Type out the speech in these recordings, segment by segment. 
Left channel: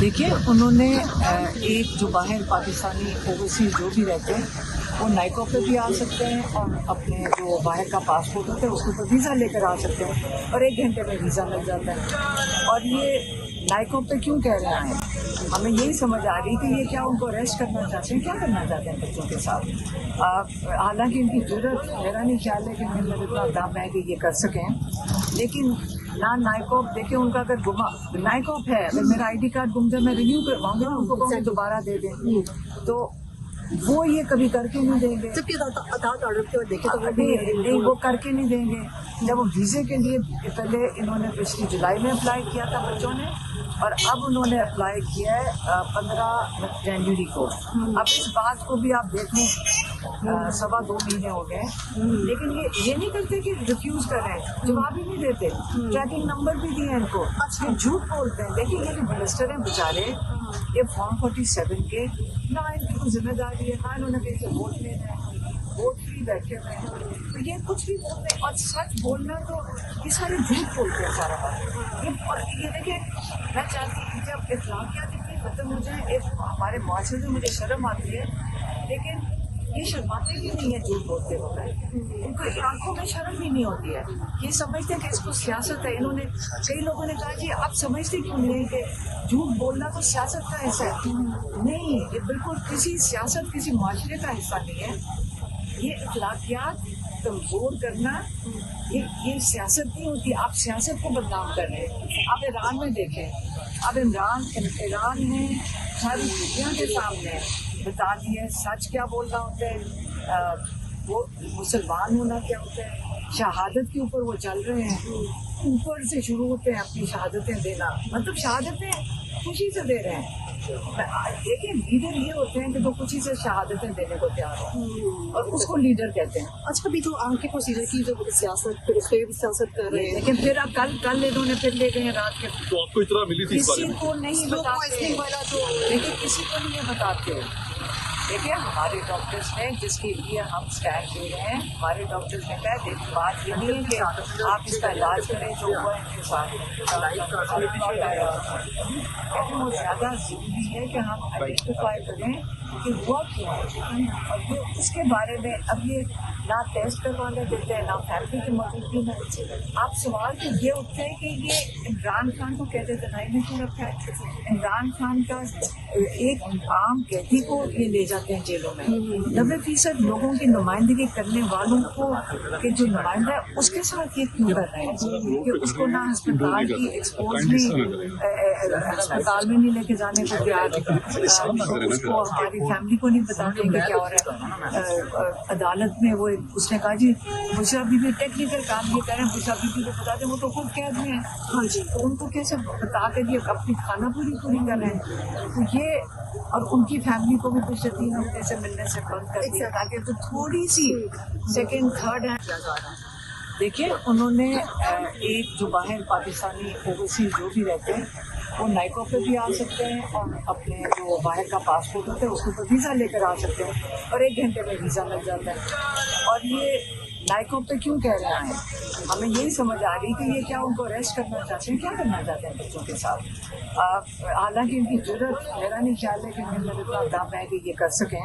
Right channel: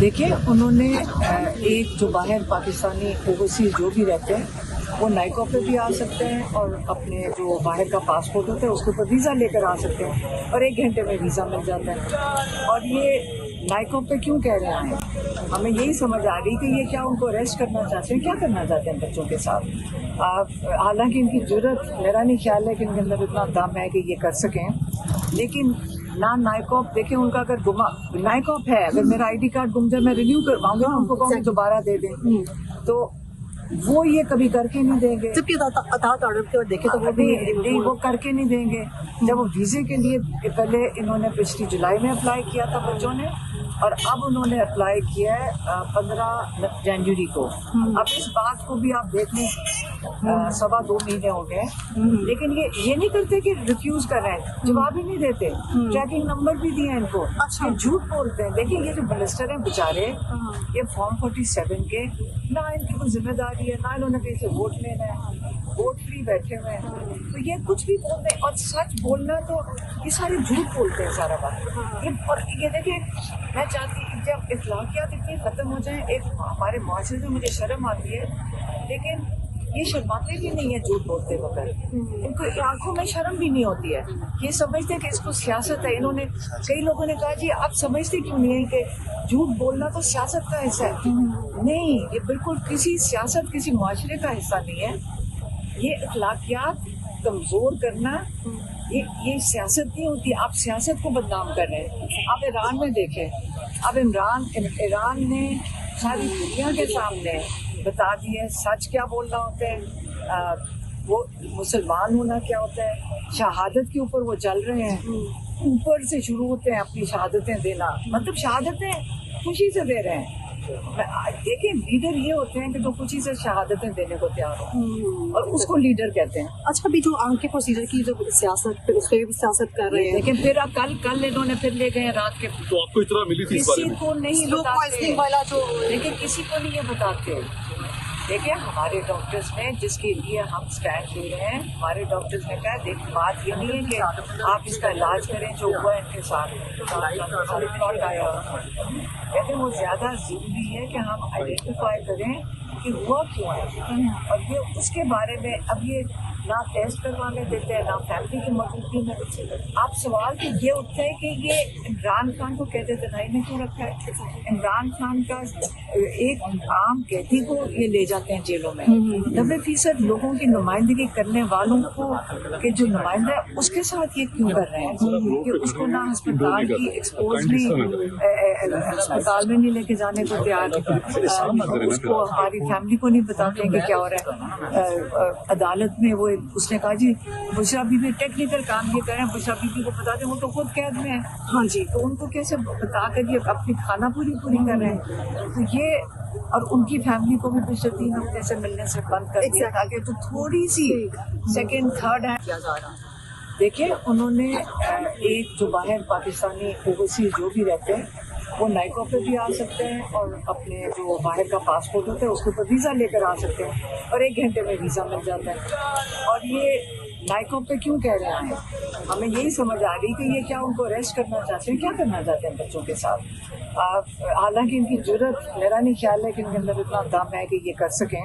देखिए उन्होंने एक जो बाहर पाकिस्तानी ओवरसीज जो भी रहते हैं वो नाइकॉप पे भी आ सकते हैं और अपने जो बाहर का पासपोर्ट होता है उसके ऊपर वीज़ा लेकर आ सकते हैं और 1 घंटे में वीज़ा मिल जाता है। और ये नाइकॉप पे क्यों कह रहे हैं, हमें यही समझ आ रही कि ये क्या उनको अरेस्ट करना चाहते हैं, क्या करना चाहते हैं बच्चों के साथ। हालांकि इनकी जरूरत, मेरा नहीं ख्याल है कि इनके अंदर इतना दम है कि ये कर सकें, लेकिन ना नाइकॉप देखिए उनका अगर गुमा नाइकॉप है, अगर मेरा आईडी कार्ड गुम जाए मैं रिन्यू करवाऊंगी ना, उनको कहूँगी दोबारा दे दें, तो वो ये कभी करके नहीं देंगे। नहीं वो करके नहीं देंगे। जब वो वीज़े के लिए पहले इन्होंने पिछली जुलाई में अप्लाई किया था बच्चों ने, और अब उन्होंने अप्लाई किया है 15 जनवरी को। अब इस बात को भी आप देख लें 2.25 महीने हो गए, लेकिन ये नहीं करते कि रिफ्यूज कर रहे हैं, जवाब ही नहीं देते। ट्रैकिंग नंबर भी दिए इनको, ये झूठ बोलते हैं। देखिए ये जो मिनिस्टर हैं बेचारे, ये फॉर्म 47 के ना इनकी कोई जिम्मेदारी है, ना इन्होंने कहीं से वोट लेना है, वोट फ्री बैठे हुए हैं, तो ये कुछ भी बोलते हैं। और सच बोलना तो ये सारे झूठ बोलते हैं सारा बात। और ये देखिए, मैं चाहती हूँ जब इखलाकियात इतनी खत्म हो जाए, एक हमारे माशरे में मुझे शर्म आती है, लेकिन ये शर्माते भी नहीं है झूठ बोलते वक्त, इनको आंखों में शर्म भी नहीं होती है। ये समझते हैं कि इसको सियासत है। इन्होंने कई लोगों ने कहा जी आप समझते क्यों नहीं है कि झूठ बोलना तो सियासत का हिस्सा है। नहीं, ये बिल्कुल किसी सियासत, किसी माशरे का हिस्सा नहीं है। ये अखलाकियात कमजोर करना, ये सियासत नहीं होती। आप सियासत को बदनाम कर रहे हैं। आप ईरान में देखें, अब ईरान ने सारी दुनिया के सामने बता दिया है सच क्या बोलना होता है, वो मुसलमान होना क्या होता है। शहादत के ऊपर वो चल रहे हैं, ऊपर से शुरू होते हैं अपनी शहादतें देना, मतलब शहादतें खुशी से दे रहे हैं। देखिए लीडर ये होते हैं कि जो खुशी से शहादतें देने को तैयार हो, और उसको लीडर कहते हैं। अच्छा, अभी जो आंखें प्रोसीजर की जो सियासत, उस पर सियासत कर रहे हैं, लेकिन फिर अब कल इन्होंने फिर ले गए रात के, किसी को नहीं बताते, लेकिन किसी को नहीं ये बताते। देखिए हमारे डॉक्टर्स ने, जिसके लिए हम स्टैंड ले रहे हैं, हमारे डॉक्टर्स ने कहा देख बात ये नहीं है कि आप इसका इलाज करें जो हुआ इनके साथ, रिपोर्ट आया, कहते हैं वो ज़्यादा ज़रूरी है कि हम आइडेंटिफाई करें कि हुआ क्यों है, और ये उसके बारे में अब ये ना टेस्ट करवाने देते हैं, ना फैमिली की मौजूदगी में। आप सवाल तो ये उठता है कि ये इमरान खान को कहते तनाई में क्यों रखा है। इमरान खान का एक आम कैदी को ये ले जाते हैं जेलों में, 90% लोगों की नुमाइंदगी करने वालों को के जो नुमाइंदा है उसके साथ ये क्यों कर रहे हैं कि उसको ना अस्पताल की एक्सपोज नहीं, अस्पताल में नहीं लेके जाने को तैयार, उसको हमारी फैमिली को नहीं बताते हैं कि क्या हो रहा है। अदालत में वो उसने कहा जी बुशरा बीबी टेक्निकल काम ये कर रहे हैं, बुशरा बीबी को बता दें वो तो खुद कैद में है। हाँ जी, तो उनको कैसे बता कर ये अपनी खाना पूरी कर रहे हैं। तो ये, और उनकी फैमिली को भी पिछले 3 हफ्ते से मिलने से बंद कर दिया ताकि तो थोड़ी सी सेकेंड थर्ड है। देखिए उन्होंने एक जो बाहर पाकिस्तानी ओवरसीज जो भी रहते हैं वो नाइकॉप पे भी आ सकते हैं और अपने जो बाहर का पासपोर्ट होता है उसके ऊपर वीज़ा लेकर आ सकते हैं और 1 घंटे में वीज़ा मिल जाता है। और ये नाइकॉप पे क्यों कह रहे हैं, हमें यही समझ आ रही कि ये क्या उनको अरेस्ट करना चाहते हैं, क्या करना चाहते हैं बच्चों के साथ। हालांकि इनकी जरूरत, मेरा नहीं ख्याल है कि इनके अंदर इतना दम है कि ये कर सकें,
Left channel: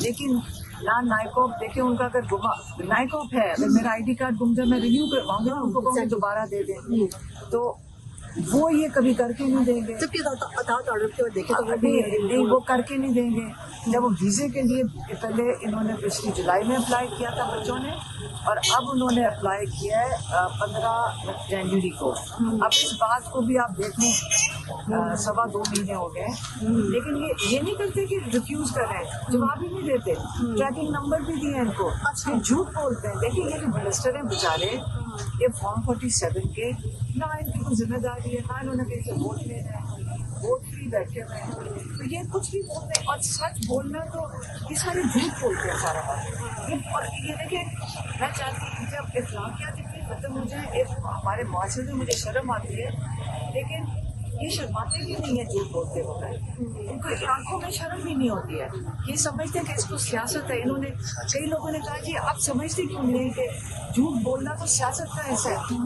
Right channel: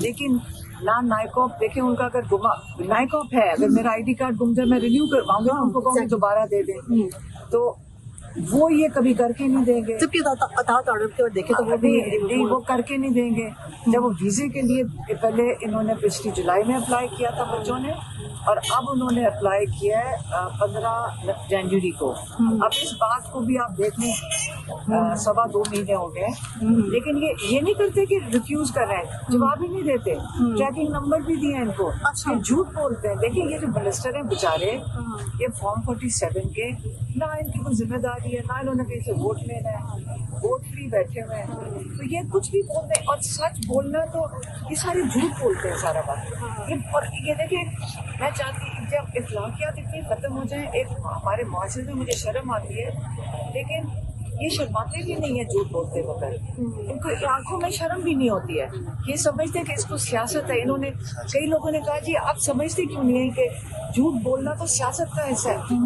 लेकिन ना नाइकॉप देखिए उनका अगर नाइकॉप है, अगर मेरा आईडी कार्ड गुम जाए मैं रिन्यू करवाऊंगी ना, उनको कहूँगी दोबारा दे दें, तो वो ये कभी करके नहीं देंगे। नहीं वो करके नहीं देंगे। जब वो वीज़े के लिए पहले इन्होंने पिछली जुलाई में अप्लाई किया था बच्चों ने, और अब उन्होंने अप्लाई किया है 15 जनवरी को। अब इस बात को भी आप देख लें 2.25 महीने हो गए, लेकिन ये नहीं करते कि रिफ्यूज कर रहे हैं, जवाब ही नहीं देते। ट्रैकिंग नंबर भी दिए इनको, ये झूठ बोलते हैं। देखिए ये जो मिनिस्टर हैं बेचारे, ये फॉर्म 47 के ना इनकी कोई जिम्मेदारी है, ना इन्होंने कहीं से वोट लेना है, वोट फ्री बैठे हुए हैं, तो ये कुछ भी बोलते हैं। और सच बोलना तो ये सारे झूठ बोलते हैं सारा बात। और ये देखिए, मैं चाहती हूँ जब इखलाकियात इतनी खत्म हो जाए, एक हमारे माशरे में मुझे शर्म आती है, लेकिन ये शर्माते भी नहीं है झूठ बोलते वक्त, इनको आंखों में शर्म भी नहीं होती है। ये समझते हैं कि इसको सियासत है। इन्होंने कई लोगों ने कहा जी आप समझते क्यों नहीं है कि झूठ बोलना तो सियासत का हिस्सा है।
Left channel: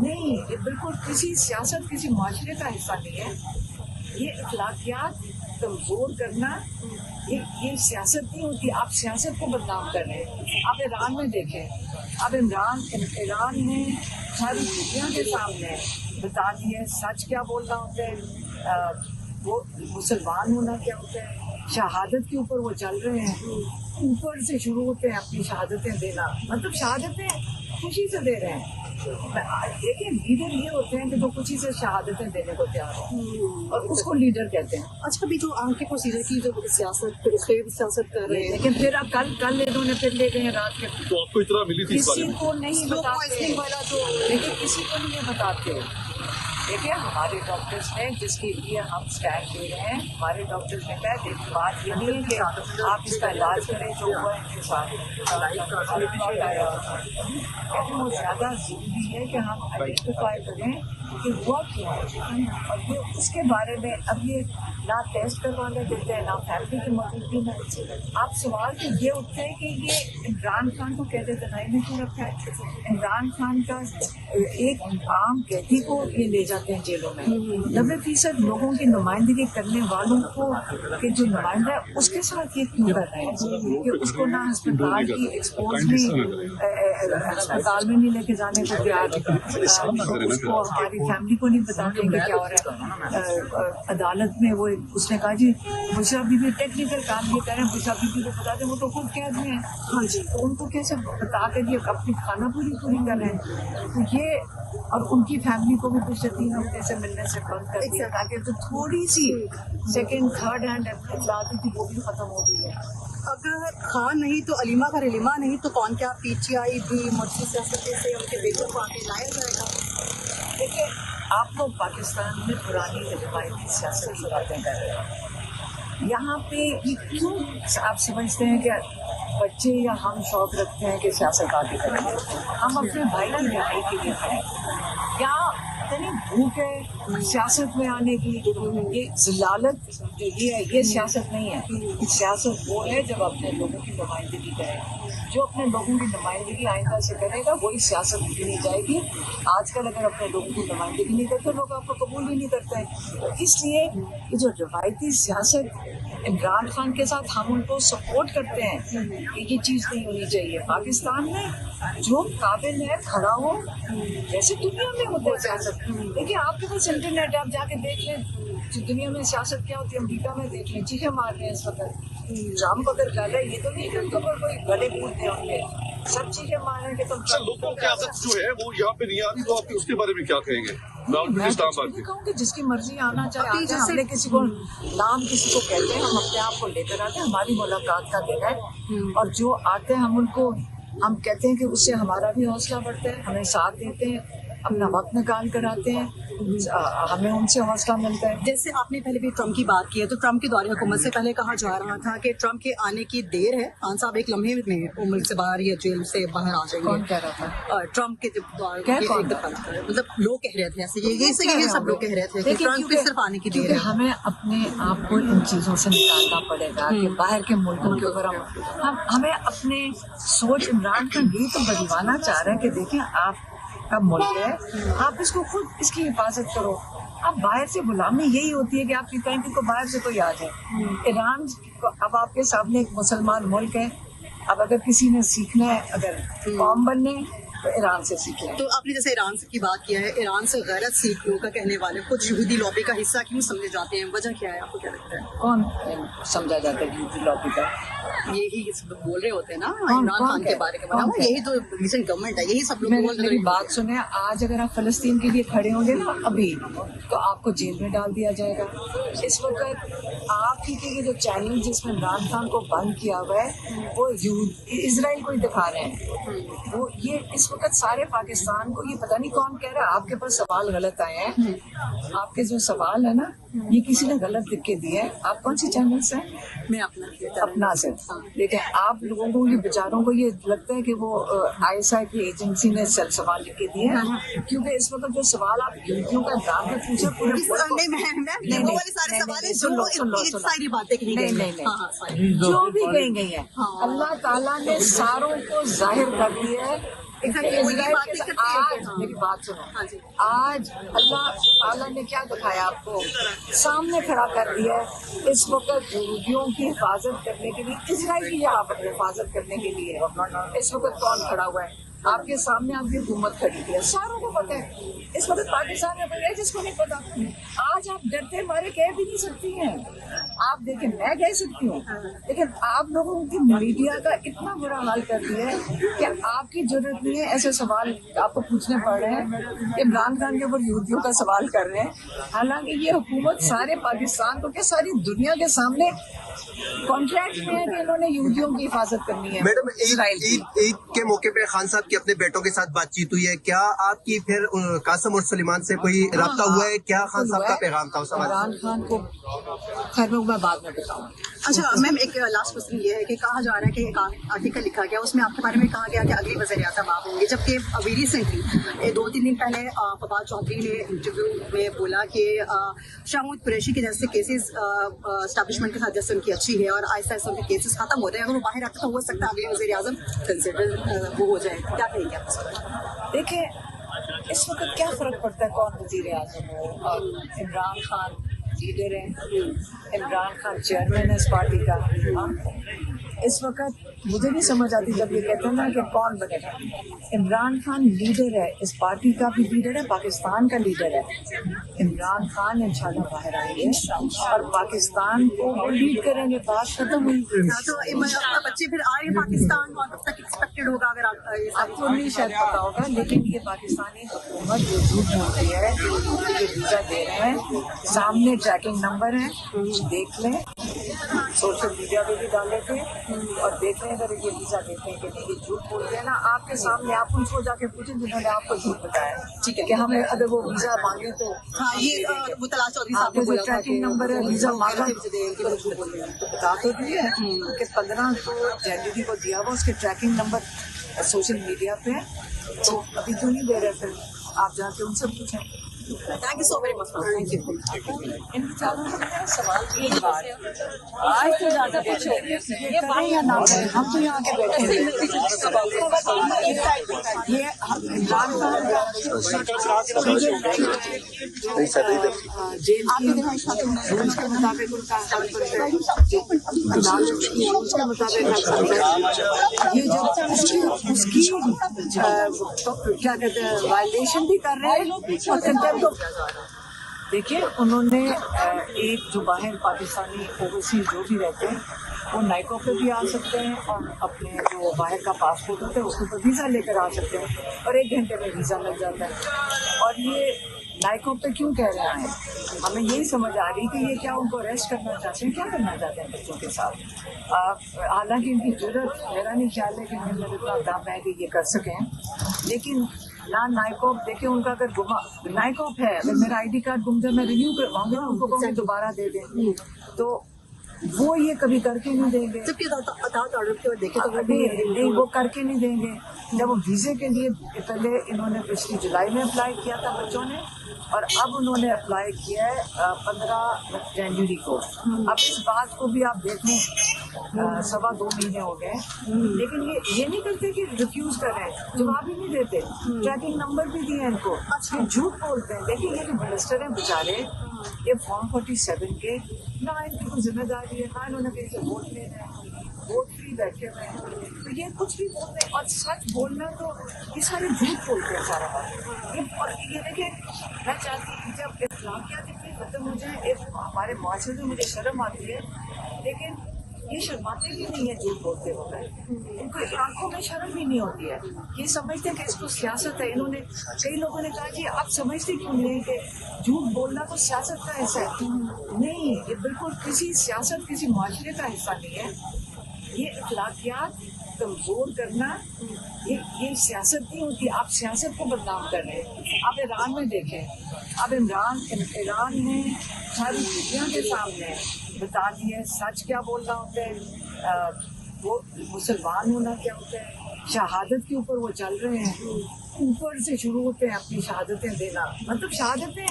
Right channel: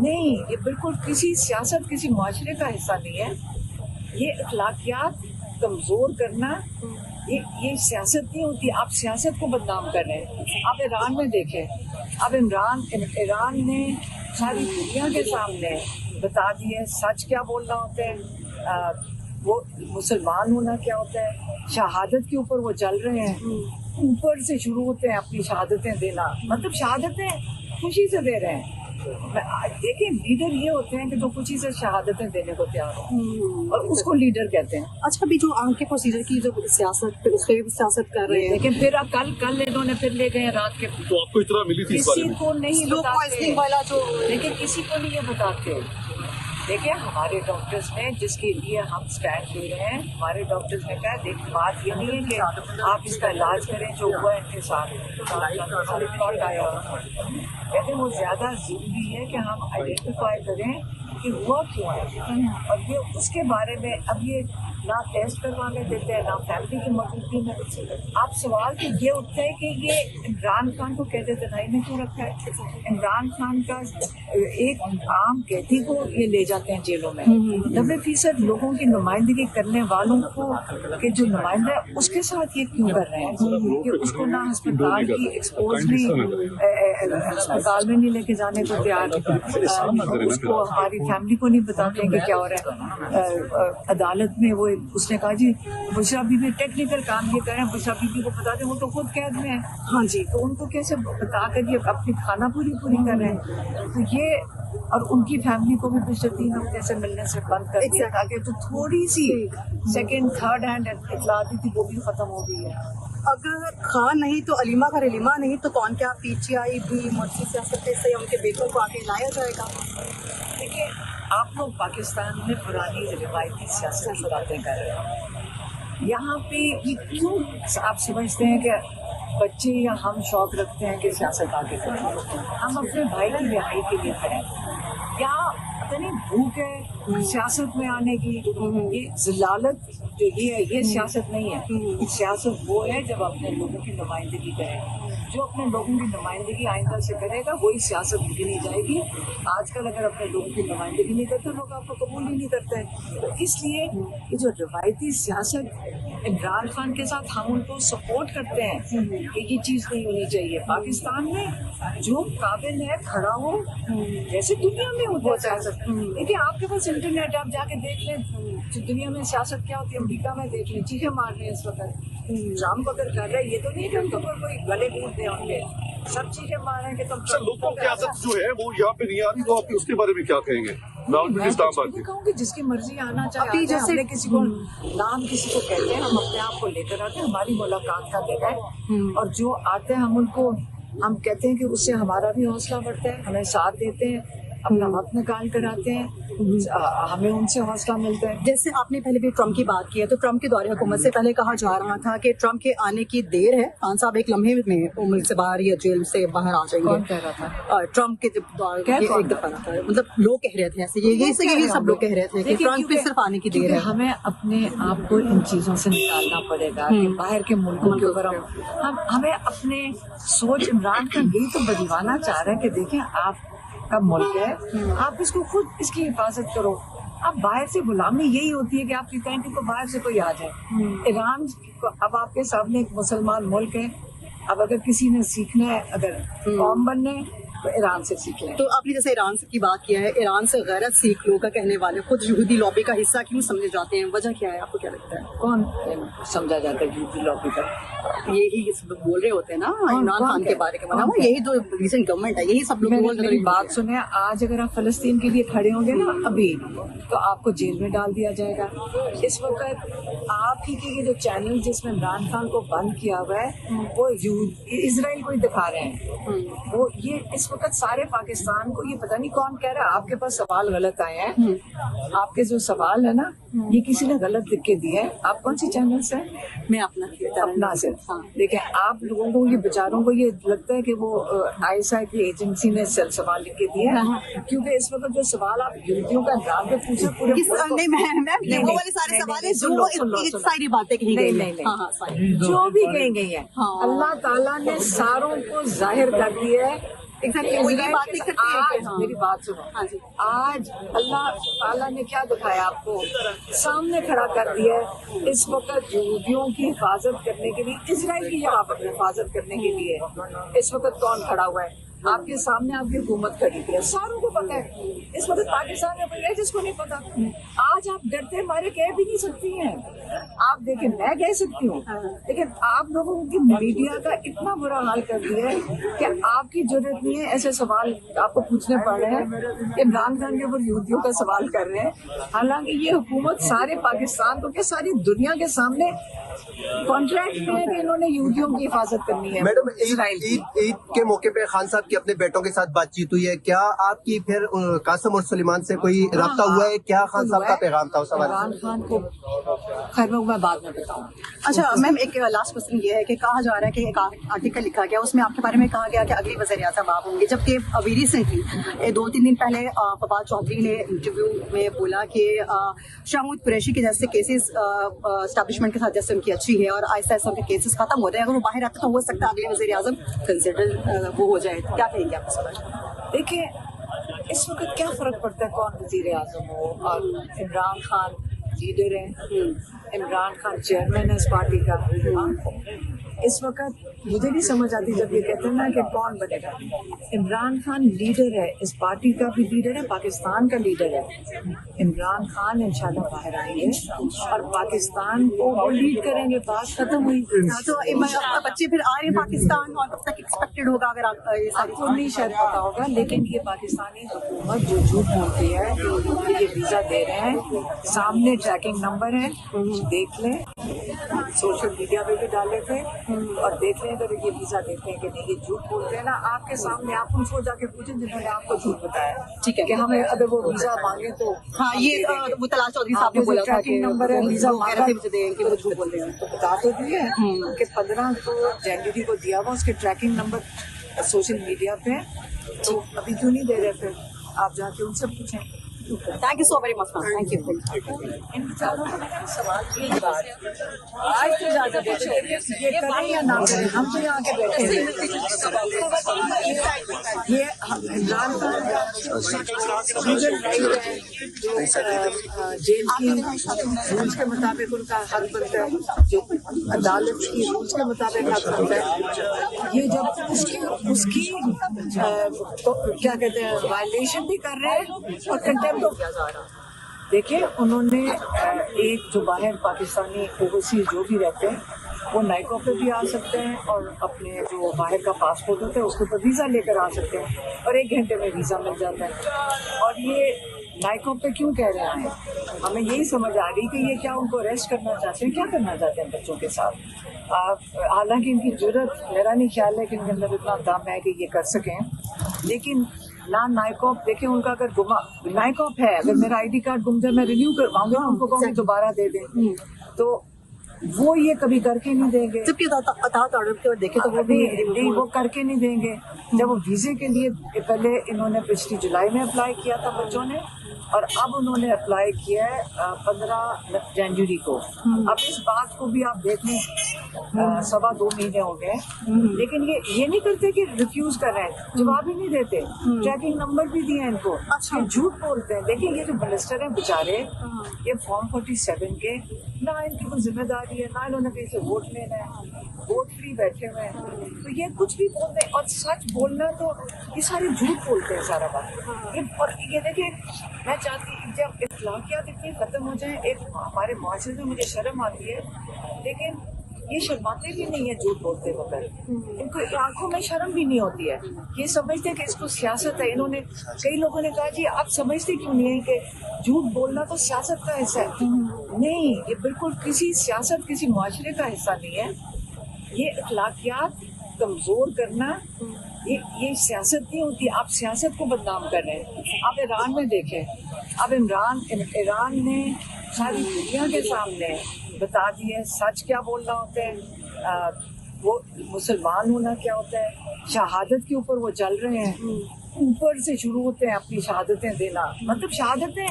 नहीं, ये बिल्कुल किसी सियासत, किसी माशरे का हिस्सा नहीं है। ये अखलाकियात कमजोर करना ये सियासत नहीं होती। आप सियासत को बदनाम कर रहे हैं। आप ईरान में देखें, अब ईरान ने सारी दुनिया के सामने बता दिया सच क्या बोलना होता है, वो मुसलमान होना क्या होता है। शहादत के ऊपर वो चल रहे हैं, ऊपर से शुरू होते हैं अपनी शहादतें देना, मतलब शहादतें खुशी से दे रहे हैं। देखिए लीडर ये होते हैं कि जो खुशी से शहादतें देने को तैयार हो, और उसको लीडर कहते हैं। अच्छा, अभी जो आम के प्रोसीजर की जो सियासत, फिर उसके भी सियासत कर रहे हैं, लेकिन फिर अब कल इन्होंने फिर ले गए रात के। तो आपको इतना मिली थी किसी को नहीं बताते, वाला जो लेकिन किसी को नहीं ये बताते। देखिए हमारे डॉक्टर्स ने जिसके लिए हम स्टैंड ले रहे हैं, हमारे डॉक्टर्स ने कहा देख बात ये नहीं है कि आप इसका इलाज करें जो हुआ इनके साथ रिपोर्ट आया, कहते वो ज़्यादा ज़रूरी है कि हम आइडेंटिफाई करें कि हुआ क्यों है, और ये उसके बारे में अब ये ना टेस्ट करवाने देते हैं ना फैमिली की मौजूदगी में। आप सवाल तो ये उठते हैं कि ये इमरान खान को कैद दनाई में क्यों रखा है। इमरान खान का एक आम कैदी को ये ले जाते हैं जेलों में, 90% लोगों की नुमाइंदगी करने वालों को के जो नुमाइंदा है उसके साथ ये क्यों कर रहे हैं कि उसको ना अस्पताल की एक्सपोज में अस्पताल में नहीं लेके जाने को तैयार, उसको हमारी फैमिली को नहीं बताते हैं कि क्या हो रहा है। अदालत में वो उसने कहा जी बुशरा बीबी टेक्निकल काम ये करें, बुशरा बीबी को बता दें, वो तो खुद कैद में है। हाँ जी, तो उनको कैसे बता कर ये अपनी खाना पूरी कर रहे हैं। तो ये और उनकी फैमिली को भी पिछले 3 हफ्ते से मिलने से बंद कर दिया ताकि तो थोड़ी सी सेकेंड थर्ड हैंड इतला आती थी वो भी खत्म हो गई है। अगर खान नहीं तो अलीमा का रिलीमा नहीं तो कौन, क्या पीटीआई भी मुझसे सियासत से उनके बेगम को आगे लाया जाएगा? देखिए आप लोग पाकिस्तान में पुरानी रिवायती सियासत की बातें कर रहे हैं। यहाँ पे ये क्यों आप समझते हैं कि बच्चे या हम शौक रखते हैं कि सियासत आगे करेंगे। हम अपने भाई की रिहाई के लिए खड़े या पता नहीं भूख है सियासत में आने की, ये जिलालत जो ये सियासत नहीं है। सियासत वो है जब अपने लोगों की नुमाइंदगी करें, जो अपने लोगों की नुमाइंदगी आइंदा से करेगा वही सियासत गिनी जाएगी। आजकल अगर अपने लोगों की नुमाइंदगी नहीं करते लोग आपको कबूल ही नहीं करते। तो इसलिए जो रिवायती सियासत इमरान खान के साथ हम उनको सपोर्ट करते हैं कि ये चीज़ नहीं होनी चाहिए। पाकिस्तान में जो काबिल है खड़ा हो, जैसे दुनिया में होता है सियासत। देखिए आपके पास इंटरनेट है, आप जाके देख लें कि दुनिया में सियासत क्या होती है। अमेरिका में देख लें, चीखें मार रहे हैं इस वक्त, ट्रम्प अगर कर रहे हैं, ये तो नहीं कि उनके ऊपर कोई गले कूद दे उनके, सब चीजें मारे कि तुम सियासत जो है वो यहाँ पे नहीं आ रही, तो आप उसके बारे में क्या कहेंगे? मैं तो कहूँगी जिसकी मर्जी आना चाहे, हमने किसी को नाम किसी को कहते हैं, हम अपने आप को लेकर आते हैं, हमारी मुलाकात का दिन है, और जो आते हैं हम उनको हम कहते हैं कि उससे हमारा भी हौसला बढ़ता है, हमें साथ देते हैं, अपना वक्त निकाल कर आते हैं, हमें उनसे हौसला मिलता है। जैसे आपने पहले भी ट्रम्प की बात की है, तो ट्रम्प के दौरे हुकूमत से पहले कहा जा रहा था कि ट्रम्प के आने की देर है, खान साहब एक लम्हे में मुल्क से बाहर या जेल से बाहर आ जाएंगे। कौन कह रहा था? ट्रम्प के मतलब लोग कह रहे थे ऐसे, ये सब लोग कह रहे थे कि ट्रम्प के सिर्फ आने की देर है। हमें अपने आप को इन चीजों से निकालना पड़ेगा कि बाहर के मुल्कों के ऊपर हमें अपने सोच, इमरान खान यही तो बदलवाना चाह रहे हैं कि देखें आप का मुल्क है, आप इसको खुद इसकी हिफाजत करो। अब बाहर से गुलामी यही होती है कि आप कहते हैं कि बाहर से कोई आ जाए। ईरान अब आपके सामने एक मुसलमान मुल्क है, अब अगर किसी ने सीखना है, अगर कौम बनने तो ईरान से सीखना है। तो आपने जैसे ईरान की बात किया है, ईरान से गैरत सीख लोगों का कहने वाले खुद यहूदी लॉबी का हिस्सा क्यों समझे जाते हैं, वजह क्या है, आपको क्या लगता है? कौन समझा जाता है यहूदी लॉबी का? यही बोल रहे होते हैं ना इमरान खान के बारे में, यही तो रीसेंट गवर्नमेंट है, यही सब लोग। मेरी बात सुने, आज अगर आप फलस्तीन के लिए खड़े होंगे ना अभी, तो आपको जेल में डाल दिया जाएगा। इस वक्त आप ही के जो चैनल जिसमें इमरान खान को बंद किया हुआ है वो इजराइल को ही दिखा रहे हैं। वो ये इस वक्त सारे पाकिस्तान को, ये पता नहीं कौन कह रहा है, आपके पास सवाल गलत आए हैं, आपके जो सवाल है ना ये किसी ने गलत लिख के दिए हैं। आप कौन सी चैनल से? मैं अपना से देखिए, आप लोगों को, ये बेचारों को ये लगता है कि वो आईएसआई की एजेंसी ने सेल सवाल लिख के दिए हैं, क्योंकि इस वक्त जो सवाल आप यूपीओ का एग्जाम पे पूछे पूरे मुल्क को, नहीं, सुन लो, जो भी कही गई है, अल्लाह ताला ने सारों को जाहिर कर दिया है इजराइल के आज मेरी बात सुनो, आज अल्लाह ताला ने क्या दिखाया आपको, सामने खड़ा कर दिया है। इस वक्त यहूदियों की हिफाजत करने के लिए, इजराइल की हिफाजत करने के लिए इस वक्त कौन खड़ा हुआ है? आपके सामने आपकी हुकूमत खड़ी है, सारों को पता है। इस वक्त पाकिस्तान में कोई है जिसको नहीं पता? आज आप डरते मारे कह भी नहीं सकती हैं। आप देखें, मैं कह सकती हूँ, लेकिन आप लोगों की मीडिया का इतना बुरा हाल कर दिया है कि आपकी जरूरत नहीं है ऐसे सवाल आपको पूछने पड़ रहे हैं। इमरान खान के ऊपर यहूदियों का सवाल कर रहे हैं, हालांकि ये हुकूमत सारे पाकिस्तान को, क्या सारी दुनिया के सामने कॉन्ट्रैक्ट में है कि इन्होंने यहूदियों की हिफाजत करनी है। मैडम, ईद के मौके पे खान साहब की अपने बेटों के साथ बातचीत हुई है, क्या आपकी फिर कासिम और सुलेमान से कोई राब्ता हुआ है? क्या खान साहब का पैगाम था उस सवाल? इमरान खान को खैर मैं बाद में बताऊँ। अच्छा मैम, एक लास्ट क्वेश्चन ये है कि कहा जा रहा है कि एक आर्टिकल लिखा गया, उसमें आपके बारे में कहा गया कि अगली वज़ीर आज़म आप होंगे, जबकि अभी रिसेंटली 2-3 दिन पहले फवाद चौधरी ने इंटरव्यू में बोला कि शाहमूद कुरैशी के जैसे केसेस एस्टैब्लिशमेंट के साथ जैसे उनकी अच्छी है और आहिस्ता आहिस्ता उनके केसेस खत्म हो रहे हैं, अगर वो बाहर आते तो हो सकता है अगले वज़ीर आज़म कंसिडर वो हो जाए। क्या कहेंगे आप? देखिए, इस वक्त क्या फर्क पड़ता है कौन वज़ीर आज़म हो? और इमरान खान लीडर है, इमरान खान चेयरमैन है इस पार्टी का। इस वक्त मुझे नहीं समझ आती जब ये कहते हैं ना कि कौन बनेगा। इमरान खान लीडर है, इस पार्टी का भी लीडर है, पाकिस्तान का लीडर है। इमरान खान इंशाल्लाह बाहर आएंगे और पाकिस्तान को वो लीड करेंगे। बात खत्म हुई। तो बच्चे फिर आ रहे हैं पाकिस्तान, और कब तक एक्सपेक्टेड होगा? अगर आपको नहीं शायद पता होगा, लेकिन ये पाकिस्तानी हुकूमत जो झूठ बोलती है कि ये वीज़ा दे रहे हैं, सामने ट्रैकिंग नंबर है, देख लें, सोशल मीडिया पे भी डाले थे और देख लें अगर ये वीज़ा देते हैं कि नहीं। ये झूठ बोलते हैं ना आपके सामने, आप उनको जाके पूछें जिन्होंने आपको झूठ बताया, ठीक है, कि हमें अगर वो वीज़ा मांगे तो ये मुतला चौधरी साहब आपको जो ट्रैकिंग नंबर है वीज़ा मांगा तो बता तो दिए कि 15 जनवरी को दिया हुआ, उसके ट्रैकिंग नंबर सोशल मीडिया पे, तो अभी क्यों नहीं दे रहे थे? आप जाके उनसे पूछें। Thank you so very much, thank you. इन बेचारों को मैंने सवाल की बात आज तो ज़्यादा ये करें या ना करें, हम तो यहाँ के बैठे हैं। ये इमरान खान जेल की रूल्स के मुताबिक उनका हक बनता है, जो अदालत की रूल्स के मुताबिक हक बनता है। ये जब उसकी तो क्या कहते हैं वायलेशन भी कर रहे हैं और कंटेम्प्ट। देखिए, उन्होंने एक जो बाहर पाकिस्तानी ओवरसीज जो भी रहते हैं वो नाइको पे भी आ सकते हैं और अपने जो बाहर का पासपोर्ट होता है उसके ऊपर वीज़ा लेकर आ सकते हैं और 1 घंटे में वीज़ा मिल जाता है। और ये नाइको पे क्यों कह रहे हैं, हमें यही समझ आ रही कि ये क्या उनको अरेस्ट करना चाहते हैं, क्या करना चाहते हैं बच्चों के साथ। हालांकि इनकी जरूरत, मेरा नहीं ख्याल है कि इनके अंदर इतना दम है कि ये कर सकें, लेकिन ना नाइकॉप देखिए उनका अगर गुमा नाइकॉप है, अगर मेरा आईडी कार्ड गुम जाए मैं रिन्यू करवाऊंगी ना, उनको कहूँगी दोबारा दे दें, तो वो ये कभी करके नहीं देंगे। देखे तो नहीं, वो करके नहीं देंगे। जब वो वीज़े के लिए पहले इन्होंने पिछली जुलाई में अप्लाई किया था बच्चों ने, और अब उन्होंने अप्लाई किया है 15 जनवरी को। अब इस बात को भी आप देख लें, 2.25 महीने हो गए, लेकिन ये नहीं करते कि रिफ्यूज कर रहे हैं, जवाब ही नहीं देते। ट्रैकिंग नंबर भी दिए इनको, ये झूठ बोलते हैं। देखिए, ये जो मिनिस्टर हैं बेचारे, ये फॉर्म 47 के ना इनकी कोई जिम्मेदारी है, ना इन्होंने कहीं से वोट लेना है, वोट फ्री बैठे हुए हैं, तो ये कुछ भी बोलते हैं। और सच बोलना तो ये सारे झूठ बोलते हैं सारा बात। और ये देखिए, मैं चाहती हूँ जब इख्लाकियात इतनी खत्म हो जाए, एक हमारे माशरे में मुझे शर्म आती है, लेकिन ये शर्माते भी नहीं है झूठ बोलते वक्त, इनको आंखों में शर्म भी नहीं होती है। ये समझते हैं कि इसको सियासत है। इन्होंने, कई लोगों ने कहा जी आप समझते क्यों नहीं है कि झूठ बोलना तो सियासत का हिस्सा है। नहीं, ये बिल्कुल किसी सियासत, किसी माशरे का हिस्सा नहीं है। ये इख्लाकियात कमजोर करना, ये सियासत नहीं होती। आप सियासत को बदनाम कर रहे हैं। आप ईरान में देखें, अब ईरान ने सारी दुनिया के सामने बता दिया सच क्या बोलना होता है, वो मुसलमान होना क्या होता है। शहादत के ऊपर वो चल रहे हैं, ऊपर से शुरू होते हैं अपनी शहादतें देना, मतलब शहादतें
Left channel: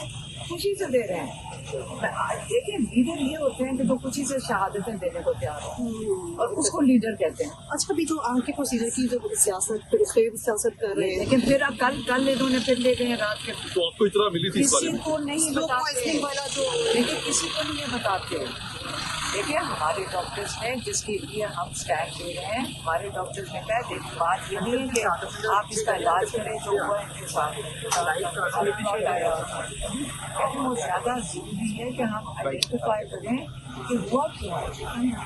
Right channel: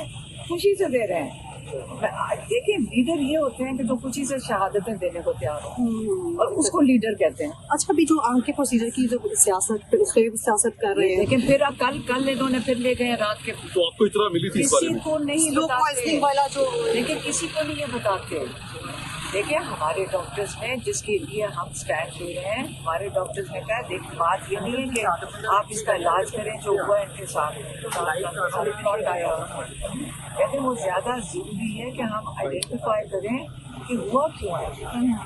खुशी से दे रहे हैं। देखिए लीडर ये होते हैं कि जो कुछ ही से शहादतें देने को तैयार हो, और उसको लीडर कहते हैं। अच्छा, अभी जो आगे प्रोसीजर की जो सियासत कर रहे हैं, लेकिन फिर अब कल इन्होंने फिर ले गए रात के, तो आपको इतना मिली थी इस बारे किसी में? को नहीं बताते, वाला जो लेकिन किसी को नहीं ये बताते। देखिए हमारे डॉक्टर्स ने जिसके लिए हम स्टैंड ले रहे हैं, हमारे डॉक्टर्स ने कहा देख बात ये नहीं है कि आप इसका इलाज करें जो हुआ इनके साथ रिपोर्ट आया, कहते वो ज़्यादा ज़रूरी है कि हम आइडेंटिफाई करें कि हुआ क्यों है,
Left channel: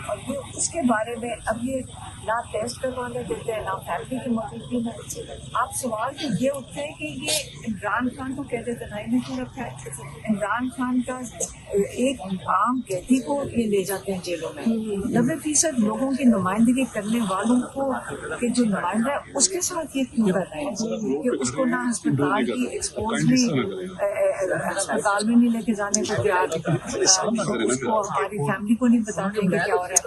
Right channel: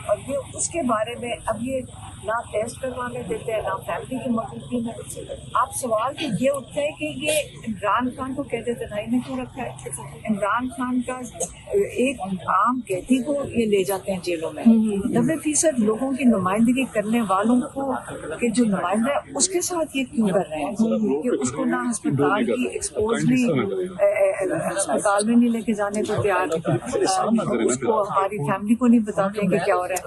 और ये उसके बारे में अब ये ना टेस्ट करवाने देते हैं ना फैमिली की मदद में। आप सवाल तो ये उठते हैं कि ये इमरान खान को कहते थे भाई ने क्यों रखा है? इमरान खान का एक आम कैदी को ये ले जाते हैं जेलों में, 90% लोगों की नुमाइंदगी करने वालों को के जो नुमाइंदा है उसके साथ ये क्यों कर रहे हैं कि उसको ना अस्पताल की एक्सपोज में अस्पताल में नहीं लेके जाने को तैयार, उसको हमारी फैमिली को नहीं बताते कि क्या हो रहा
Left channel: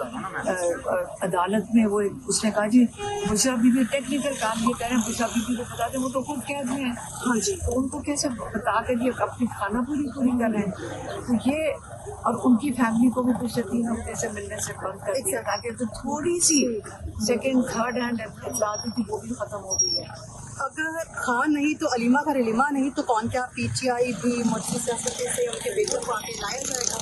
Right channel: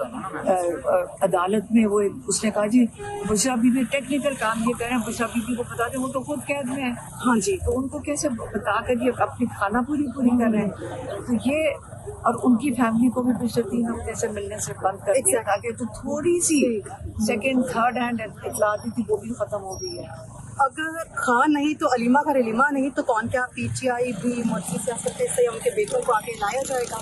है। अदालत में वो उसने कहा जी बुशरा बीबी टेक्निकल काम ये करें, बुशरा बीबी को बताते वो तो खुद कैद में है। हाँ जी, तो उनको कैसे बता कर ये अपनी खाना पूरी कर रहे हैं? तो ये और उनकी फैमिली को भी पिछले 3 हफ्ते से मिलने से बंद कर दिया ताकि तो थोड़ी सी सेकेंड थर्ड हैंड इतला आती थी वो भी खत्म हो गई है। अगर खान नहीं तो अलीमा का अलीमा नहीं तो कौन, क्या पीटीआई भी मुझसे सियासत से उनके बेटों को आगे लाया जाएगा?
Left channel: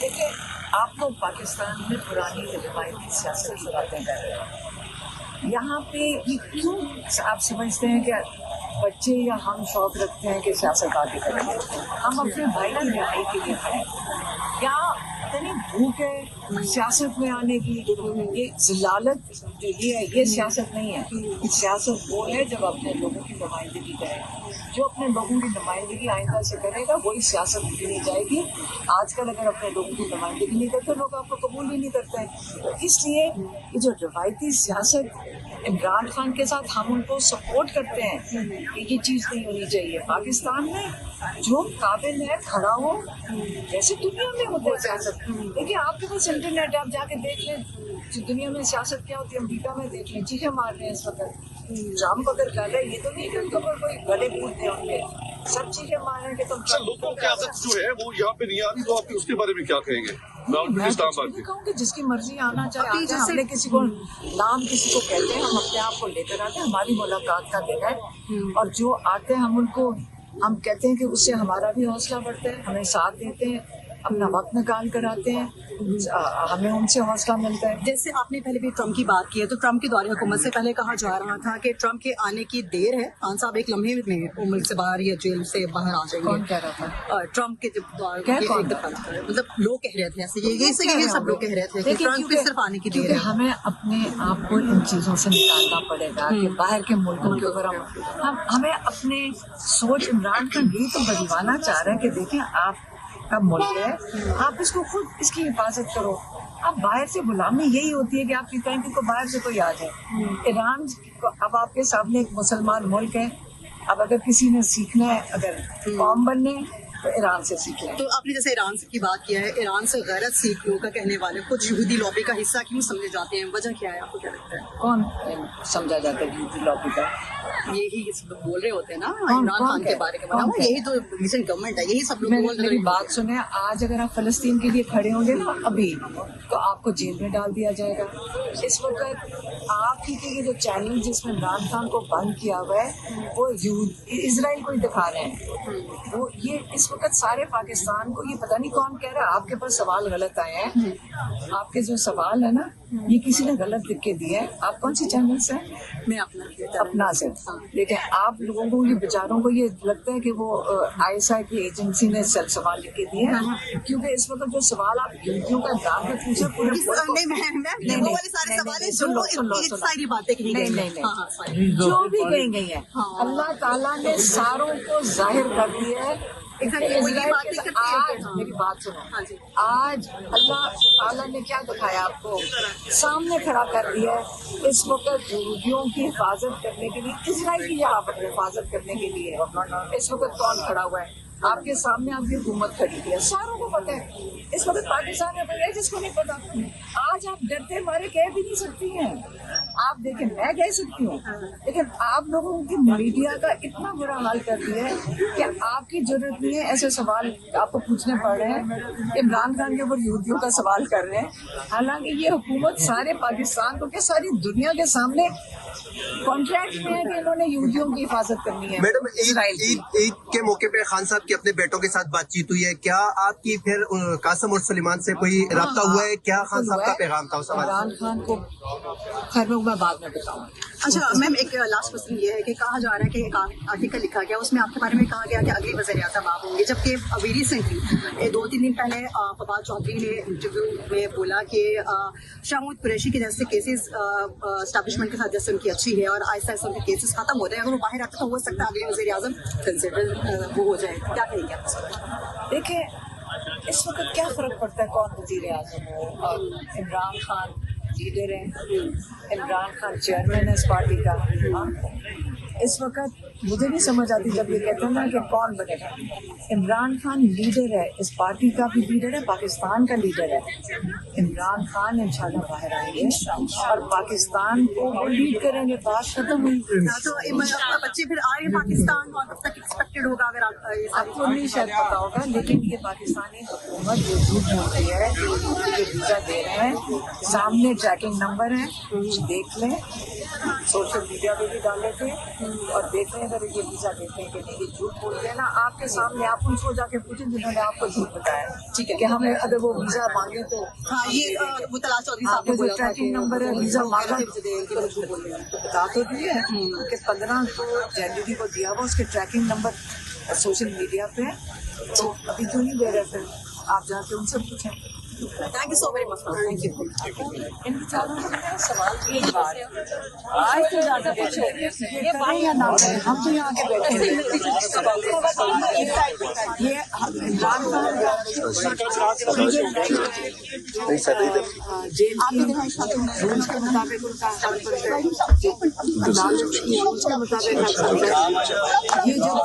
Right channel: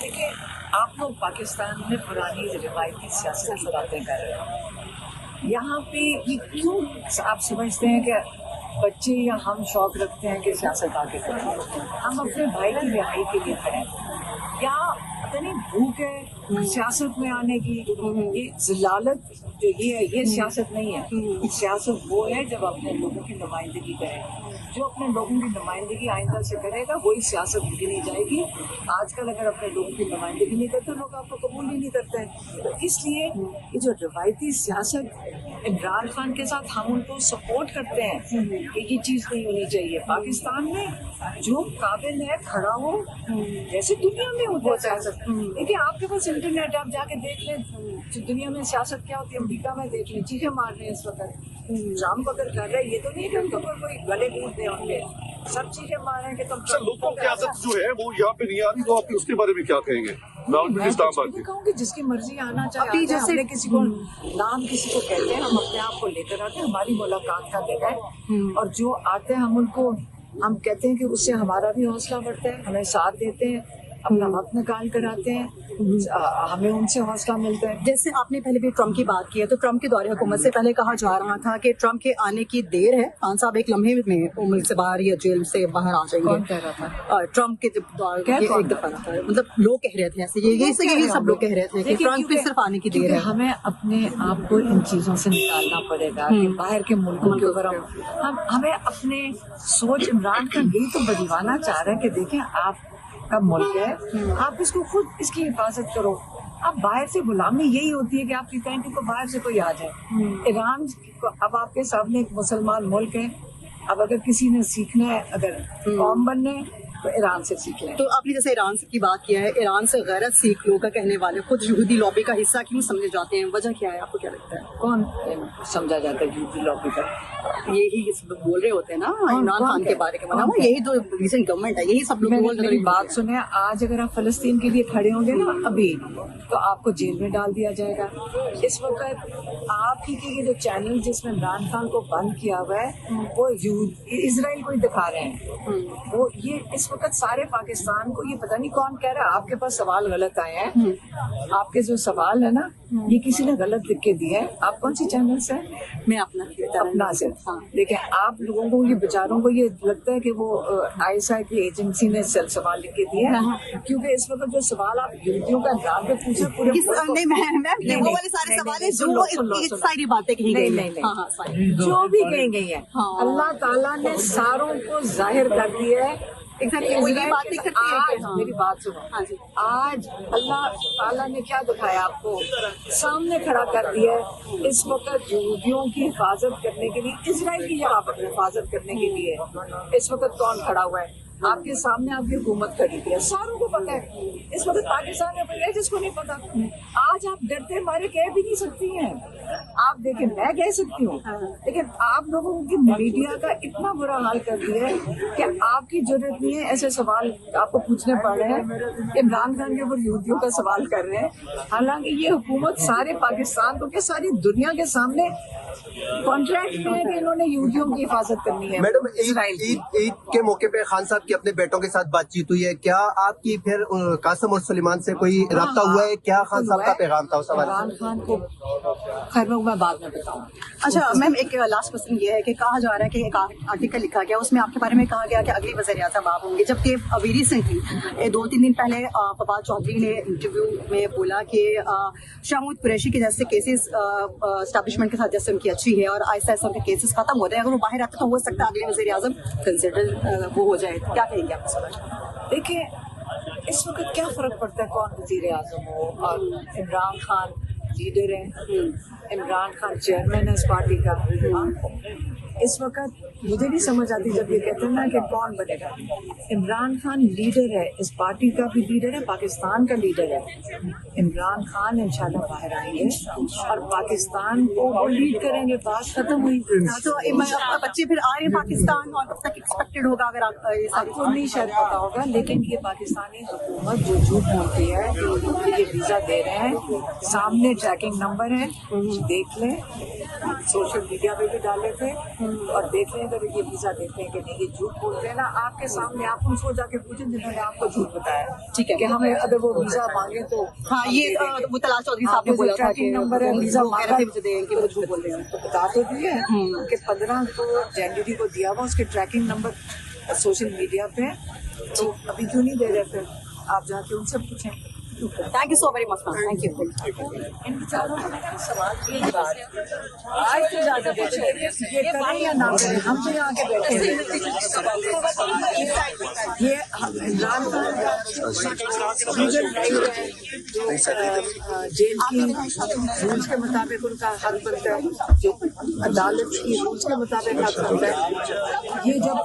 देखिए आप लोग पाकिस्तान में पुरानी रिवायती सियासत की बातें कर रहे हैं, यहाँ पे ये क्यों आप समझते हैं कि बच्चे या हम शौक रखते हैं कि सियासत आगे करेंगे? हम अपने भाई की रिहाई के लिए खड़े या पता नहीं भूख है सियासत में आने की, ये जिलालत ये सियासत नहीं है। सियासत वो है जब अपने लोगों की नुमाइंदगी करें, जो अपने लोगों की नुमाइंदगी आइंदा से करेगा वही सियासत गिनी जाएगी। आजकल अगर अपने लोगों की नुमाइंदगी नहीं करते लोग आपको कबूल भी नहीं करते हैं, तो इसलिए जो रिवायती सियासत इमरान खान के साथ हम उनको सपोर्ट करते हैं कि ये चीज़ नहीं होनी चाहिए। पाकिस्तान में जो काबिल है खड़ा हो, जैसे दुनिया में होता है सियासत। देखिए आपके पास इंटरनेट है, आप जाके देख लें दुनिया में सियासत क्या होती है, अमेरिका में देख लें, चीखें मार रहे हैं इस वक्त ट्रम्प अगर कर रहे हैं, ये तो नहीं कि उनको कोई गले कूद दे उनके, सब चीजें मार रहे हैं कि तुम लोगों की आदत जो है वो यहाँ पे नहीं आ रही, तो आप उसके बारे में क्या कहेंगे? मैं तो कहूँगी जिसकी मर्जी आना चाहे आ जाए। हमने किसी को नाम किसी को कहते हैं, हम अपने आप को लेकर आते हैं, हमारी मुलाकात का दिन है, और जो आते हैं हम उनको हम कहते हैं कि उससे हमारा भी हौसला बढ़ता है, हमें साथ देते हैं, अपना वक्त निकाल कर आते हैं, हमें उनसे हौसला मिलता है। जैसे आपने पहले भी ट्रम्प की बात की है, तो ट्रम्प के दौरे हुकूमत से पहले कहा जा रहा था कि ट्रम्प के आने की देर है, खान साहब एक लम्हे में उम्र से बाहर या जेल से बाहर आ जाएंगे। कौन कह रहा था? ट्रम्प के मतलब लोग कह रहे थे ऐसे, ये सब लोग कह रहे थे कि ट्रम्प के सिर्फ आने की देर है। हमें अपने आप को इन चीजों से निकालना पड़ेगा कि बाहर के मुल्कों के ऊपर हम हमें अपने सोच इमरान खान यही तो बदलवाना चाह रहे हैं कि देखें आप का मुल्क है, आप इसको खुद इसकी हिफाजत करो। अब बाहर से गुलामी यही होती है कि आप कहते हैं को बाहर से कोई आ जाए। ईरान अब आपके सामने एक मुसलमान मुल्क है, अब अगर किसी ने सीखना है, अगर कौम बनने तो ईरान से सीखना। तो आपने जैसे ईरान की बात किया है, ईरान से गैरत सीखने का कहने वाले कुछ यहूदी लॉबी का हिस्सा क्यों समझे जाते हैं, वजह क्या है, आपको क्या लगता है? कौन समझा जाता है यहूदी लॉबी का? यही बोल रहे होते हैं ना इमरान खान के बारे में, यही तो रीसेंट गवर्नमेंट है, यही सब। मेरी बात सुने, आज अगर आप फलस्तीन के लिए खड़े होंगे ना अभी, तो आपको जेल में डाल दिया जाएगा। इस वक्त आपकी के जो चैनल जिसमें इमरान खान को बंद किया हुआ है वो इजराइल को ही दिखा रहे हैं। वो ये इस वक्त सारे पाकिस्तान को ये पता नहीं कौन कह रहा है आपके पास सवाल गलत आए हैं। आपके जो सवाल है ना ये किसी ने गलत लिख के दिए हैं। आप कौन सी चैनल से? मैं अपना से। देखिए आप लोगों को ये बेचारों को ये लगता है कि वो ISI की एजेंसी ने सेल्फ सवाल लिख के दिए हैं, क्योंकि इस वक्त जो सवाल आप यूट्यूब का नाम पे पूछे पूरे नहीं, जो भी कही गई है अल्लाह ताला ने सारों को जाहिर कर दिया है। आज मेरी बात सुनो, आज अल्लाह ताला ने क्या दिखाया आपको, सामने खड़ा कर दिया है। इस वक्त यहूदियों की हिफाजत करने के लिए, इजराइल की हिफाजत करने के लिए इस वक्त कौन खड़ा हुआ है? आपके सामने आपकी हुकूमत खड़ी है, सारों को पता है। इस वक्त पाकिस्तान में कोई है जिसको नहीं पता? आज आप डरते मारे कह भी नहीं सकती हैं। आप देखें, मैं कह सकती हूँ, लेकिन आप लोगों की मीडिया का इतना बुरा हाल कर दिया है कि आपकी जरूरत नहीं है ऐसे सवाल आपको पूछने पड़ रहे हैं। इमरान खान के ऊपर यहूदियों का सवाल कर रहे हैं, हालांकि ये हुकूमत सारे पाकिस्तान को क्या सारी दुनिया के सामने कॉन्ट्रैक्ट में है कि इन्होंने यहूदियों की हिफाजत करनी है। मैडम, ईद के मौके पे खान साहब की अपने बेटों के साथ बातचीत हुई है, क्या आपकी फिर कासिम और सुलेमान से कोई रब्ता हुआ है? क्या खान साहब का पैगाम था उस सवाल? इमरान खान को खैर मैं बाद में बताऊँ। अच्छा मैम, एक लास्ट क्वेश्चन ये है कि कहा जा रहा है कि एक आर्टिकल लिखा गया, उसमें आपके बारे में कहा गया कि अगली वज़ीर-ए-आज़म आप होंगे, जबकि अभी रिसेंटली 2-3 दिन पहले फवाद चौधरी ने इंटरव्यू में बोला कि शाहमूद कुरैशी के जैसे केसेस एस्टैब्लिशमेंट के साथ जैसे उनकी अच्छी है और आहिस्ता आहिस्ता उनके केसेस खत्म हो रहे हैं, अगर वो बाहर आता तो हो सकता है अगले वज़ीर-ए-आज़म कंसिडर वो हो जाए, क्या कहेंगे आप? देखिए, इस वक्त क्या फर्क पड़ता है कौन वज़ीर-ए-आज़म हो, और इमरान खान लीडर है, इमरान खान चेयरमैन है इस पार्टी का। हाँ? इस वक्त मुझे नहीं समझ आती जब ये कहते हैं ना कि कौन बनेगा। इमरान खान लीडर है, इस पार्टी का भी लीडर है, पाकिस्तान का लीडर है। इमरान खान इंशाल्लाह बाहर आएंगे और पाकिस्तान को वो लीड करेंगे। बात खत्म हुई। तो आपका बच्चे फिर आ रहे हैं पाकिस्तान, और कब तक एक्सपेक्टेड होगा? अगर आपको नहीं शायद पता होगा, लेकिन ये पाकिस्तानी हुकूमत जो झूठ बोलती है कि ये वीज़ा दे रहे हैं, सामने ट्रैकिंग नंबर है, देख लें, सोशल मीडिया पे भी डाले थे और देख लें अगर ये वीज़ा देते हैं कि नहीं। ये झूठ बोलते हैं ना आपके सामने, आप उनको जाके पूछें जिन्होंने आपको झूठ बताया, ठीक है, कि हमें अगर वो वीज़ा मांगे तो हाँ, ये मुतला चौधरी साहब आपको जो ट्रैकिंग नंबर है वीज़ा मांगा तो बता तो दिए कि 15 जनवरी को दिया हुआ उसके ट्रैकिंग नंबर सोशल मीडिया पे, तो अभी क्यों नहीं दे रहे थे? आप जाके उनसे पूछें। Thank you so very much, thank you. इन बेचारों को मैंने सवाल की बात आज से ज़्यादा देखें ये करें या ना करें, हम तो यहाँ के बैठे हैं। ये इमरान खान जेल की रूल्स के मुताबिक उनका हक बनता है, जो अदालत की रूल्स के मुताबिक हक बनता है। ये जब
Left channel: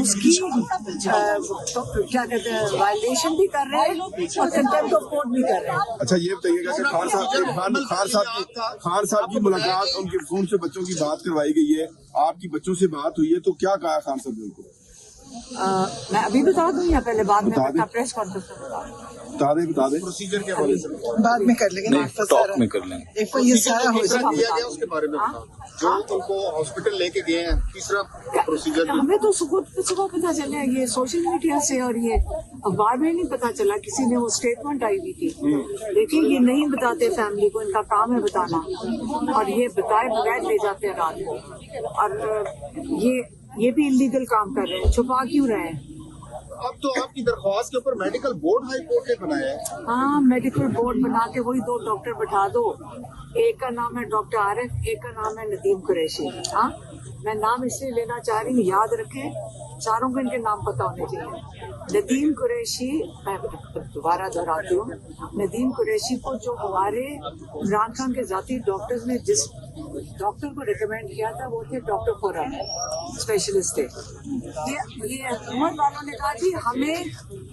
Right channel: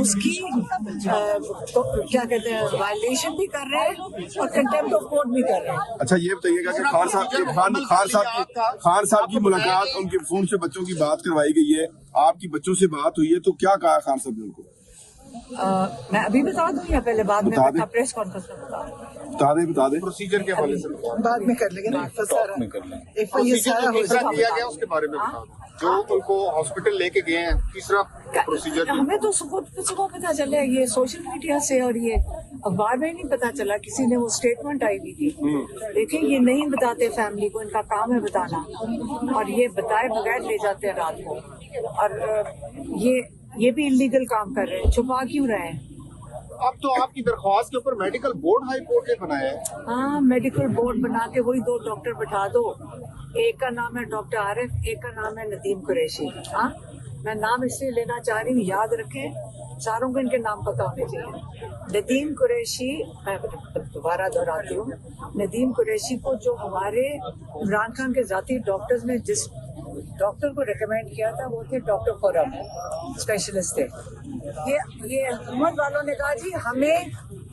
उसकी तो क्या कहते हैं वायलेशन भी कर रहे हैं और कंटेम्प्ट ऑफ कोर्ट भी कर रहे हैं। अच्छा, ये बताइएगा कि खान साहब की मुलाकात, उनके फोन से बच्चों की बात करवाई गई है, आपकी बच्चों से बात हुई है, तो क्या कहा खान साहब ने उनको? मैं अभी बता दूं या पहले बाद में बता? प्रेस कॉन्फ्रेंस में बता दें प्रोसीजर के बारे में बाद में कर लेंगे, टॉप में कर लेंगे। उसके बारे में उनको हॉस्पिटल लेके गए हैं, तीसरा प्रोसीजर हमें तो सुबह पता चला ये सोशल मीडिया से, और ये अखबार में नहीं पता चला, किसी ने वो स्टेटमेंट आई हुई थी। देखिए, ये नहीं बताते फैमिली को, इनका काम है बताना, और ये बताए बगैर ले जाते हैं रात को, और ये भी इलीगल काम कर रहे हैं, छुपा क्यों रहे हैं? अब तो आपकी दरख्वास्त के ऊपर मेडिकल बोर्ड हाई कोर्ट ने बनाया है। हाँ, मेडिकल बोर्ड बना के वही 2 डॉक्टर बैठा दो, एक का नाम है डॉक्टर आरिफ, एक का नाम है नदीम कुरैशी। हाँ, मैं नाम इसलिए लेना चाह रही हूँ, याद रखें, चारों को इनके नाम पता होने चाहिए। नदीम कुरैशी, मैं दोबारा दोहराती हूँ, नदीम कुरैशी को जो हमारे इमरान खान के जाती डॉक्टर्स ने जिस डॉक्टर को रिकमेंड किया था वो थे डॉक्टर खुर्रम, स्पेशलिस्ट थे। ये हुकूमत वालों ने कहा जी हमें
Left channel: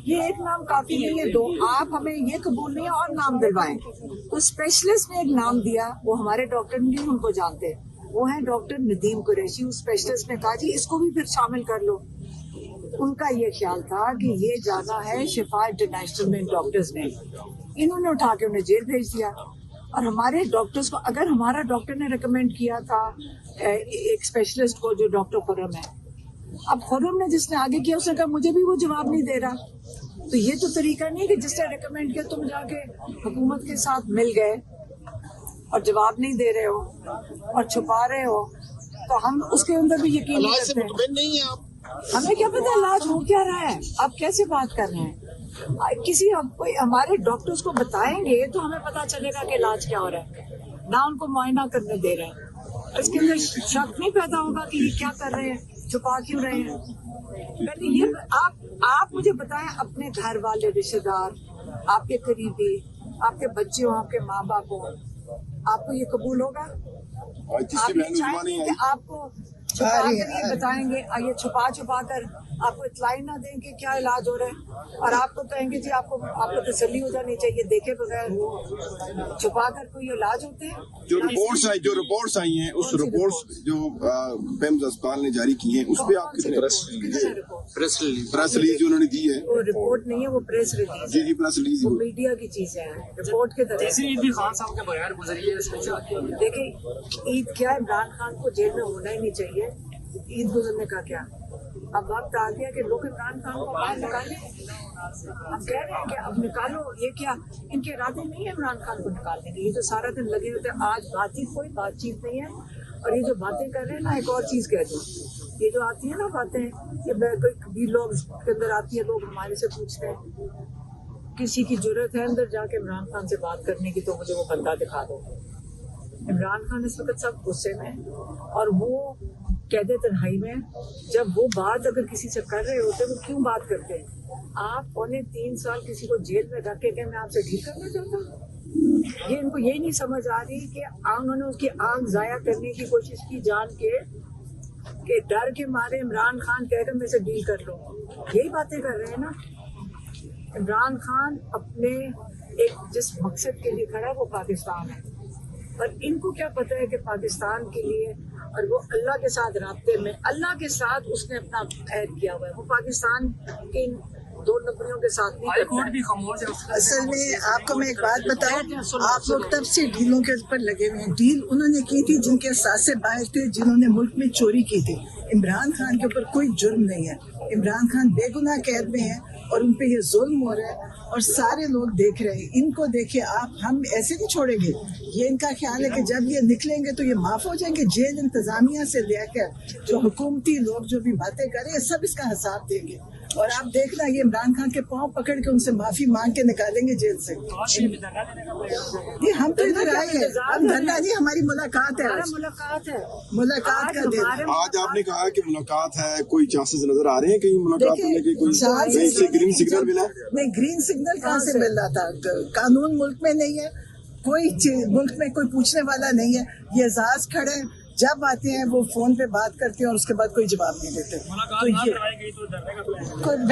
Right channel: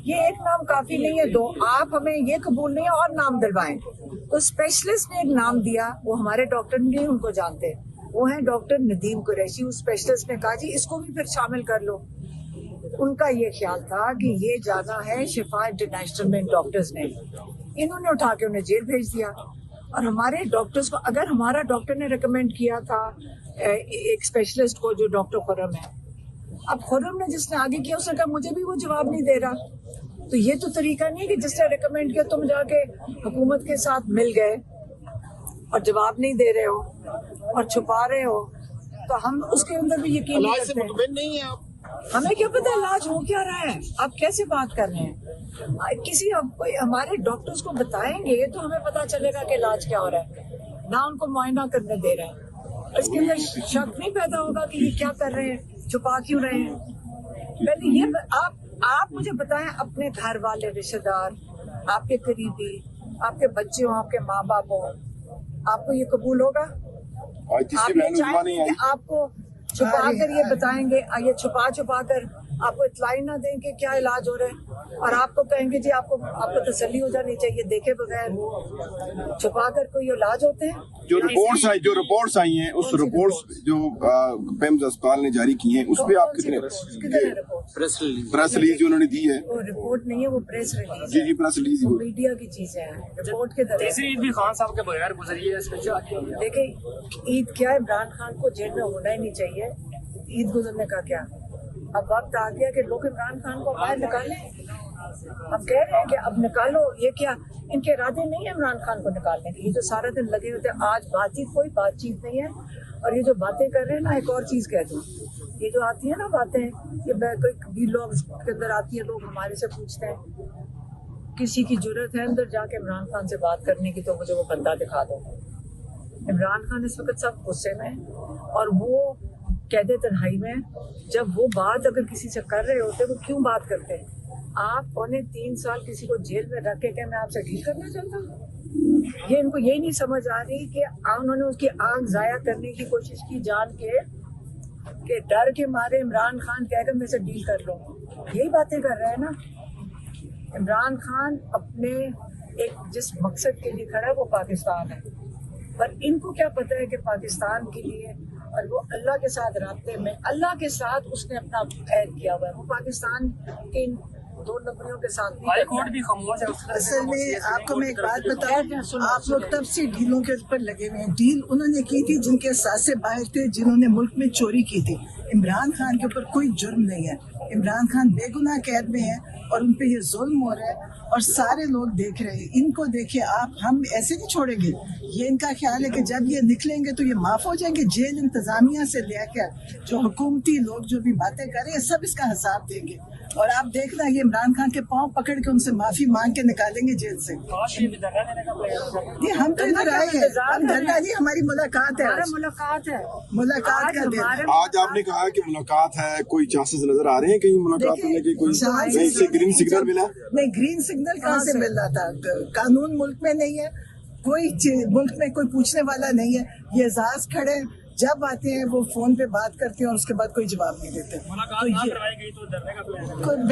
ये एक नाम काफी नहीं है, 2 आप हमें ये कबूल नहीं है और नाम दिलवाएं, तो स्पेशलिस्ट ने एक नाम दिया, वो हमारे डॉक्टर नहीं उनको जानते, वो है डॉक्टर नदीम कुरैशी। उस स्पेशलिस्ट ने कहा जी इसको भी फिर शामिल कर लो। उनका ये ख्याल था कि ये जाना है शिफा इंटरनेशनल में डॉक्टर्स ने, इन्होंने उठा के उन्हें जेल भेज दिया। और हमारे डॉक्टर्स को, अगर हमारा डॉक्टर ने रिकमेंड किया था एक स्पेशलिस्ट को जो डॉक्टर खुर्रम है, अब खुर्रम ने जिसने आगे किया उसने कहा मुझे भी वो जवाब नहीं दे रहा, तो ये तो तरीका नहीं कि जिसने रिकमेंड किया तुम जाके हुकूमत के साथ मिल गए और जवाब नहीं दे रहे हो और छुपा रहे हो, तो हम उसके अंदर भी यकीन नहीं करते। हमें क्या पता इलाज हो क्या रहा है, आप कैसे बात कर रहे हैं? किसी कोई हमारे डॉक्टर्स को बताएंगे तो हमें पता चलेगा कि इलाज क्या हो रहा है, ना उनको मुआयना करने दे रहे हैं। इसके अंदर शक नहीं पैदा होगा कि ये क्या कर रहे हैं, छुपा क्यों रहे हैं। पहले ये आप मुझे बताएं, अपने घर वाले रिश्तेदार, आपके करीबी, आपके बच्चे हो, आपके माँ बाप हो, आपको ये कबूल होगा? आप ये चाहेंगे कि आपको छुपा कर ये बताएंगे, ये छुपा कर आपको इतलाई ना दें कि क्या इलाज हो रहा है, और आपको कहेंगे जी आपको तसल्ली हो जानी चाहिए, देखे बगैर छुपा कर कोई इलाज होते हैं। जो रिपोर्ट्स आई हैं उस रिपोर्ट्स जो पेम्स अस्पताल ने जारी की हैं उस पे आप किधर है रिपोर्ट? प्रेस रिलीज जो उन्होंने दी है। वो रिपोर्ट नहीं है, वो प्रेस रिलीज जी है, जी प्रेस रिलीज वो मीडिया की चीजें हैं। रिपोर्ट के तरह खान साहब के बगैर गुजरी है। देखिए ईद क्या, इमरान खान को जेल में होना ही नहीं चाहिए, ईद गुजरने का क्या। अब वक्त आ गया कि लोग इमरान खान को बाहर निकालें। अब कह रहे हैं कि अब निकालो, ये क्या इनके इरादे नहीं है इमरान खान को निकालने के, ये तो सारा दिन लगे होते हैं। आज कोई बातचीत नहीं है, और ये जो बातें कर रहे हैं ना, एक और चीज कह दूं, ये जो आती है ना बातें कि कोई भी लोग के अंदर आती है, लोग हमारे से पूछते हैं किसी की जरूरत है अंदर जाके इमरान खान से बात करने की तो मुझे वो बंदा दिखा दो। इमरान खान इस वक्त सब गुस्से में, और वो कैदे तन्हाई में, जब वो बात अगर किसी से कर रहे होते वो क्यों बात करते हैं? आप 3.25 साल किसी को जेल में रख के मैं आपसे डील करना चाहता हूँ? ये इनको यही नहीं समझ आ रही कि उन्होंने उसकी आंख जाया करने की कोशिश की जान के डर के मारे इमरान खान कहकर मेरे से डील कर लो, यही बातें कर रहे हैं ना। इमरान खान अपने एक जिस मकसद के लिए खड़ा है वो पाकिस्तान है, पर इनको क्या पता है कि पाकिस्तान के लिए, और वो अल्लाह के साथ राब्ते में, अल्लाह के साथ उसने अपना ऐड किया हुआ है, वो पाकिस्तान के इन 2 नंबरियों के साथ नहीं करता। असल में आपको मैं एक बात बताऊं, आप लोग तब से डीलों के ऊपर लगे हुए हैं। डील उन्होंने की थी जिनके सासे बाहर थे, जिन्होंने मुल्क में चोरी की थी। इमरान खान के ऊपर कोई जुर्म नहीं है, इमरान खान बेगुनाह कैद में है और उन पे ये जुल्म हो रहा है और सारे लोग देख रहे हैं। इनको देखिए आप, हम ऐसे नहीं छोड़ेंगे। ये इनका ख्याल है कि जब ये निकलेंगे तो ये माफ हो जाएंगे। जेल इंतजामिया से लेकर जो हुकूमती लोग जो भी बातें कर रहे हैं सब इसका हिसाब देंगे, और आप देखना ये इमरान खान के पांव पकड़ के उनसे माफी मांग के निकालेंगे जेल से। ये हम तो इधर आए हैं, हम धरना नहीं, हमारी मुलाकात है, मुलाकात का दिन। आज आपने कहा कि मुलाकात है, कोई चांसेस नजर आ रहे हैं कहीं मुलाकात करने के? कोई ग्रीन सिग्नल मिला? नहीं, ग्रीन सिग्नल कहाँ से मिल रहा था? कानून मुल्क में नहीं है, कोई मुल्क में कोई पूछने वाला नहीं है। ये एजाज खड़े जब आते हैं वो फोन पे बात करते हैं और उसके बाद कोई जवाब नहीं देते। तो ये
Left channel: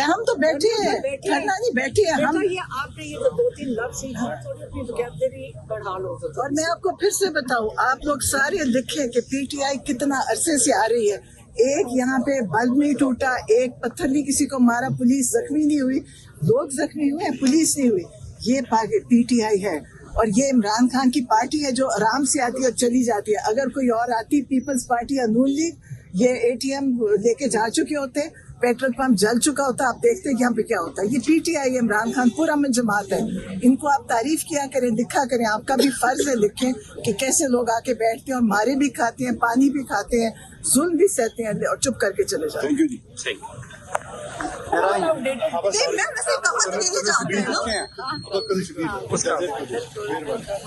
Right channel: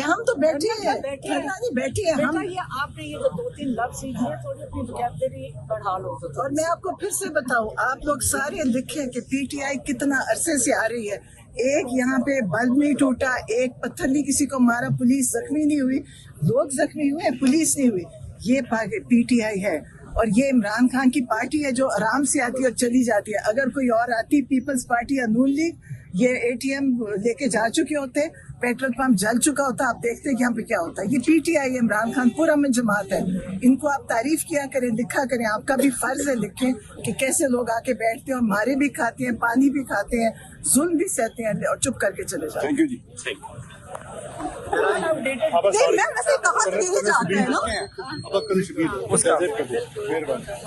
हम तो बैठे हैं, धरना नहीं बैठे हैं हम। ये आपने ये 2-3 लफ्ज़ ही थोड़ी अपनी वोकैबुलरी बढ़ा लो। और मैं आपको फिर से बताऊं, आप लोग सारे लिखें कि पीटीआई कितना अरसे से आ रही है। एक यहाँ पे बल्ब नहीं टूटा, एक पत्थर नहीं किसी को मारा, पुलिस जख्मी नहीं हुई, लोग जख्मी हुए, पुलिस नहीं हुई। ये पीटीआई है, और ये इमरान खान की पार्टी है जो आराम से आती है और चली जाती है। अगर कोई और आती, पीपल्स पार्टी या नून लीग, ये ATM लेके जा चुके होते, पेट्रोल पंप जल चुका होता, आप देखते हैं कि यहाँ पे क्या होता है। ये पीटीआई है, इमरान खान पूरा में जमात है। इनको आप तारीफ किया करें, लिखा करें, आपका भी फर्ज है लिखें कि कैसे लोग आके बैठते हैं और मारे भी खाते हैं, पानी भी खाते हैं, जुल्म भी सहते हैं और चुप करके चले जाते हैं। थैंक यू जी। मैं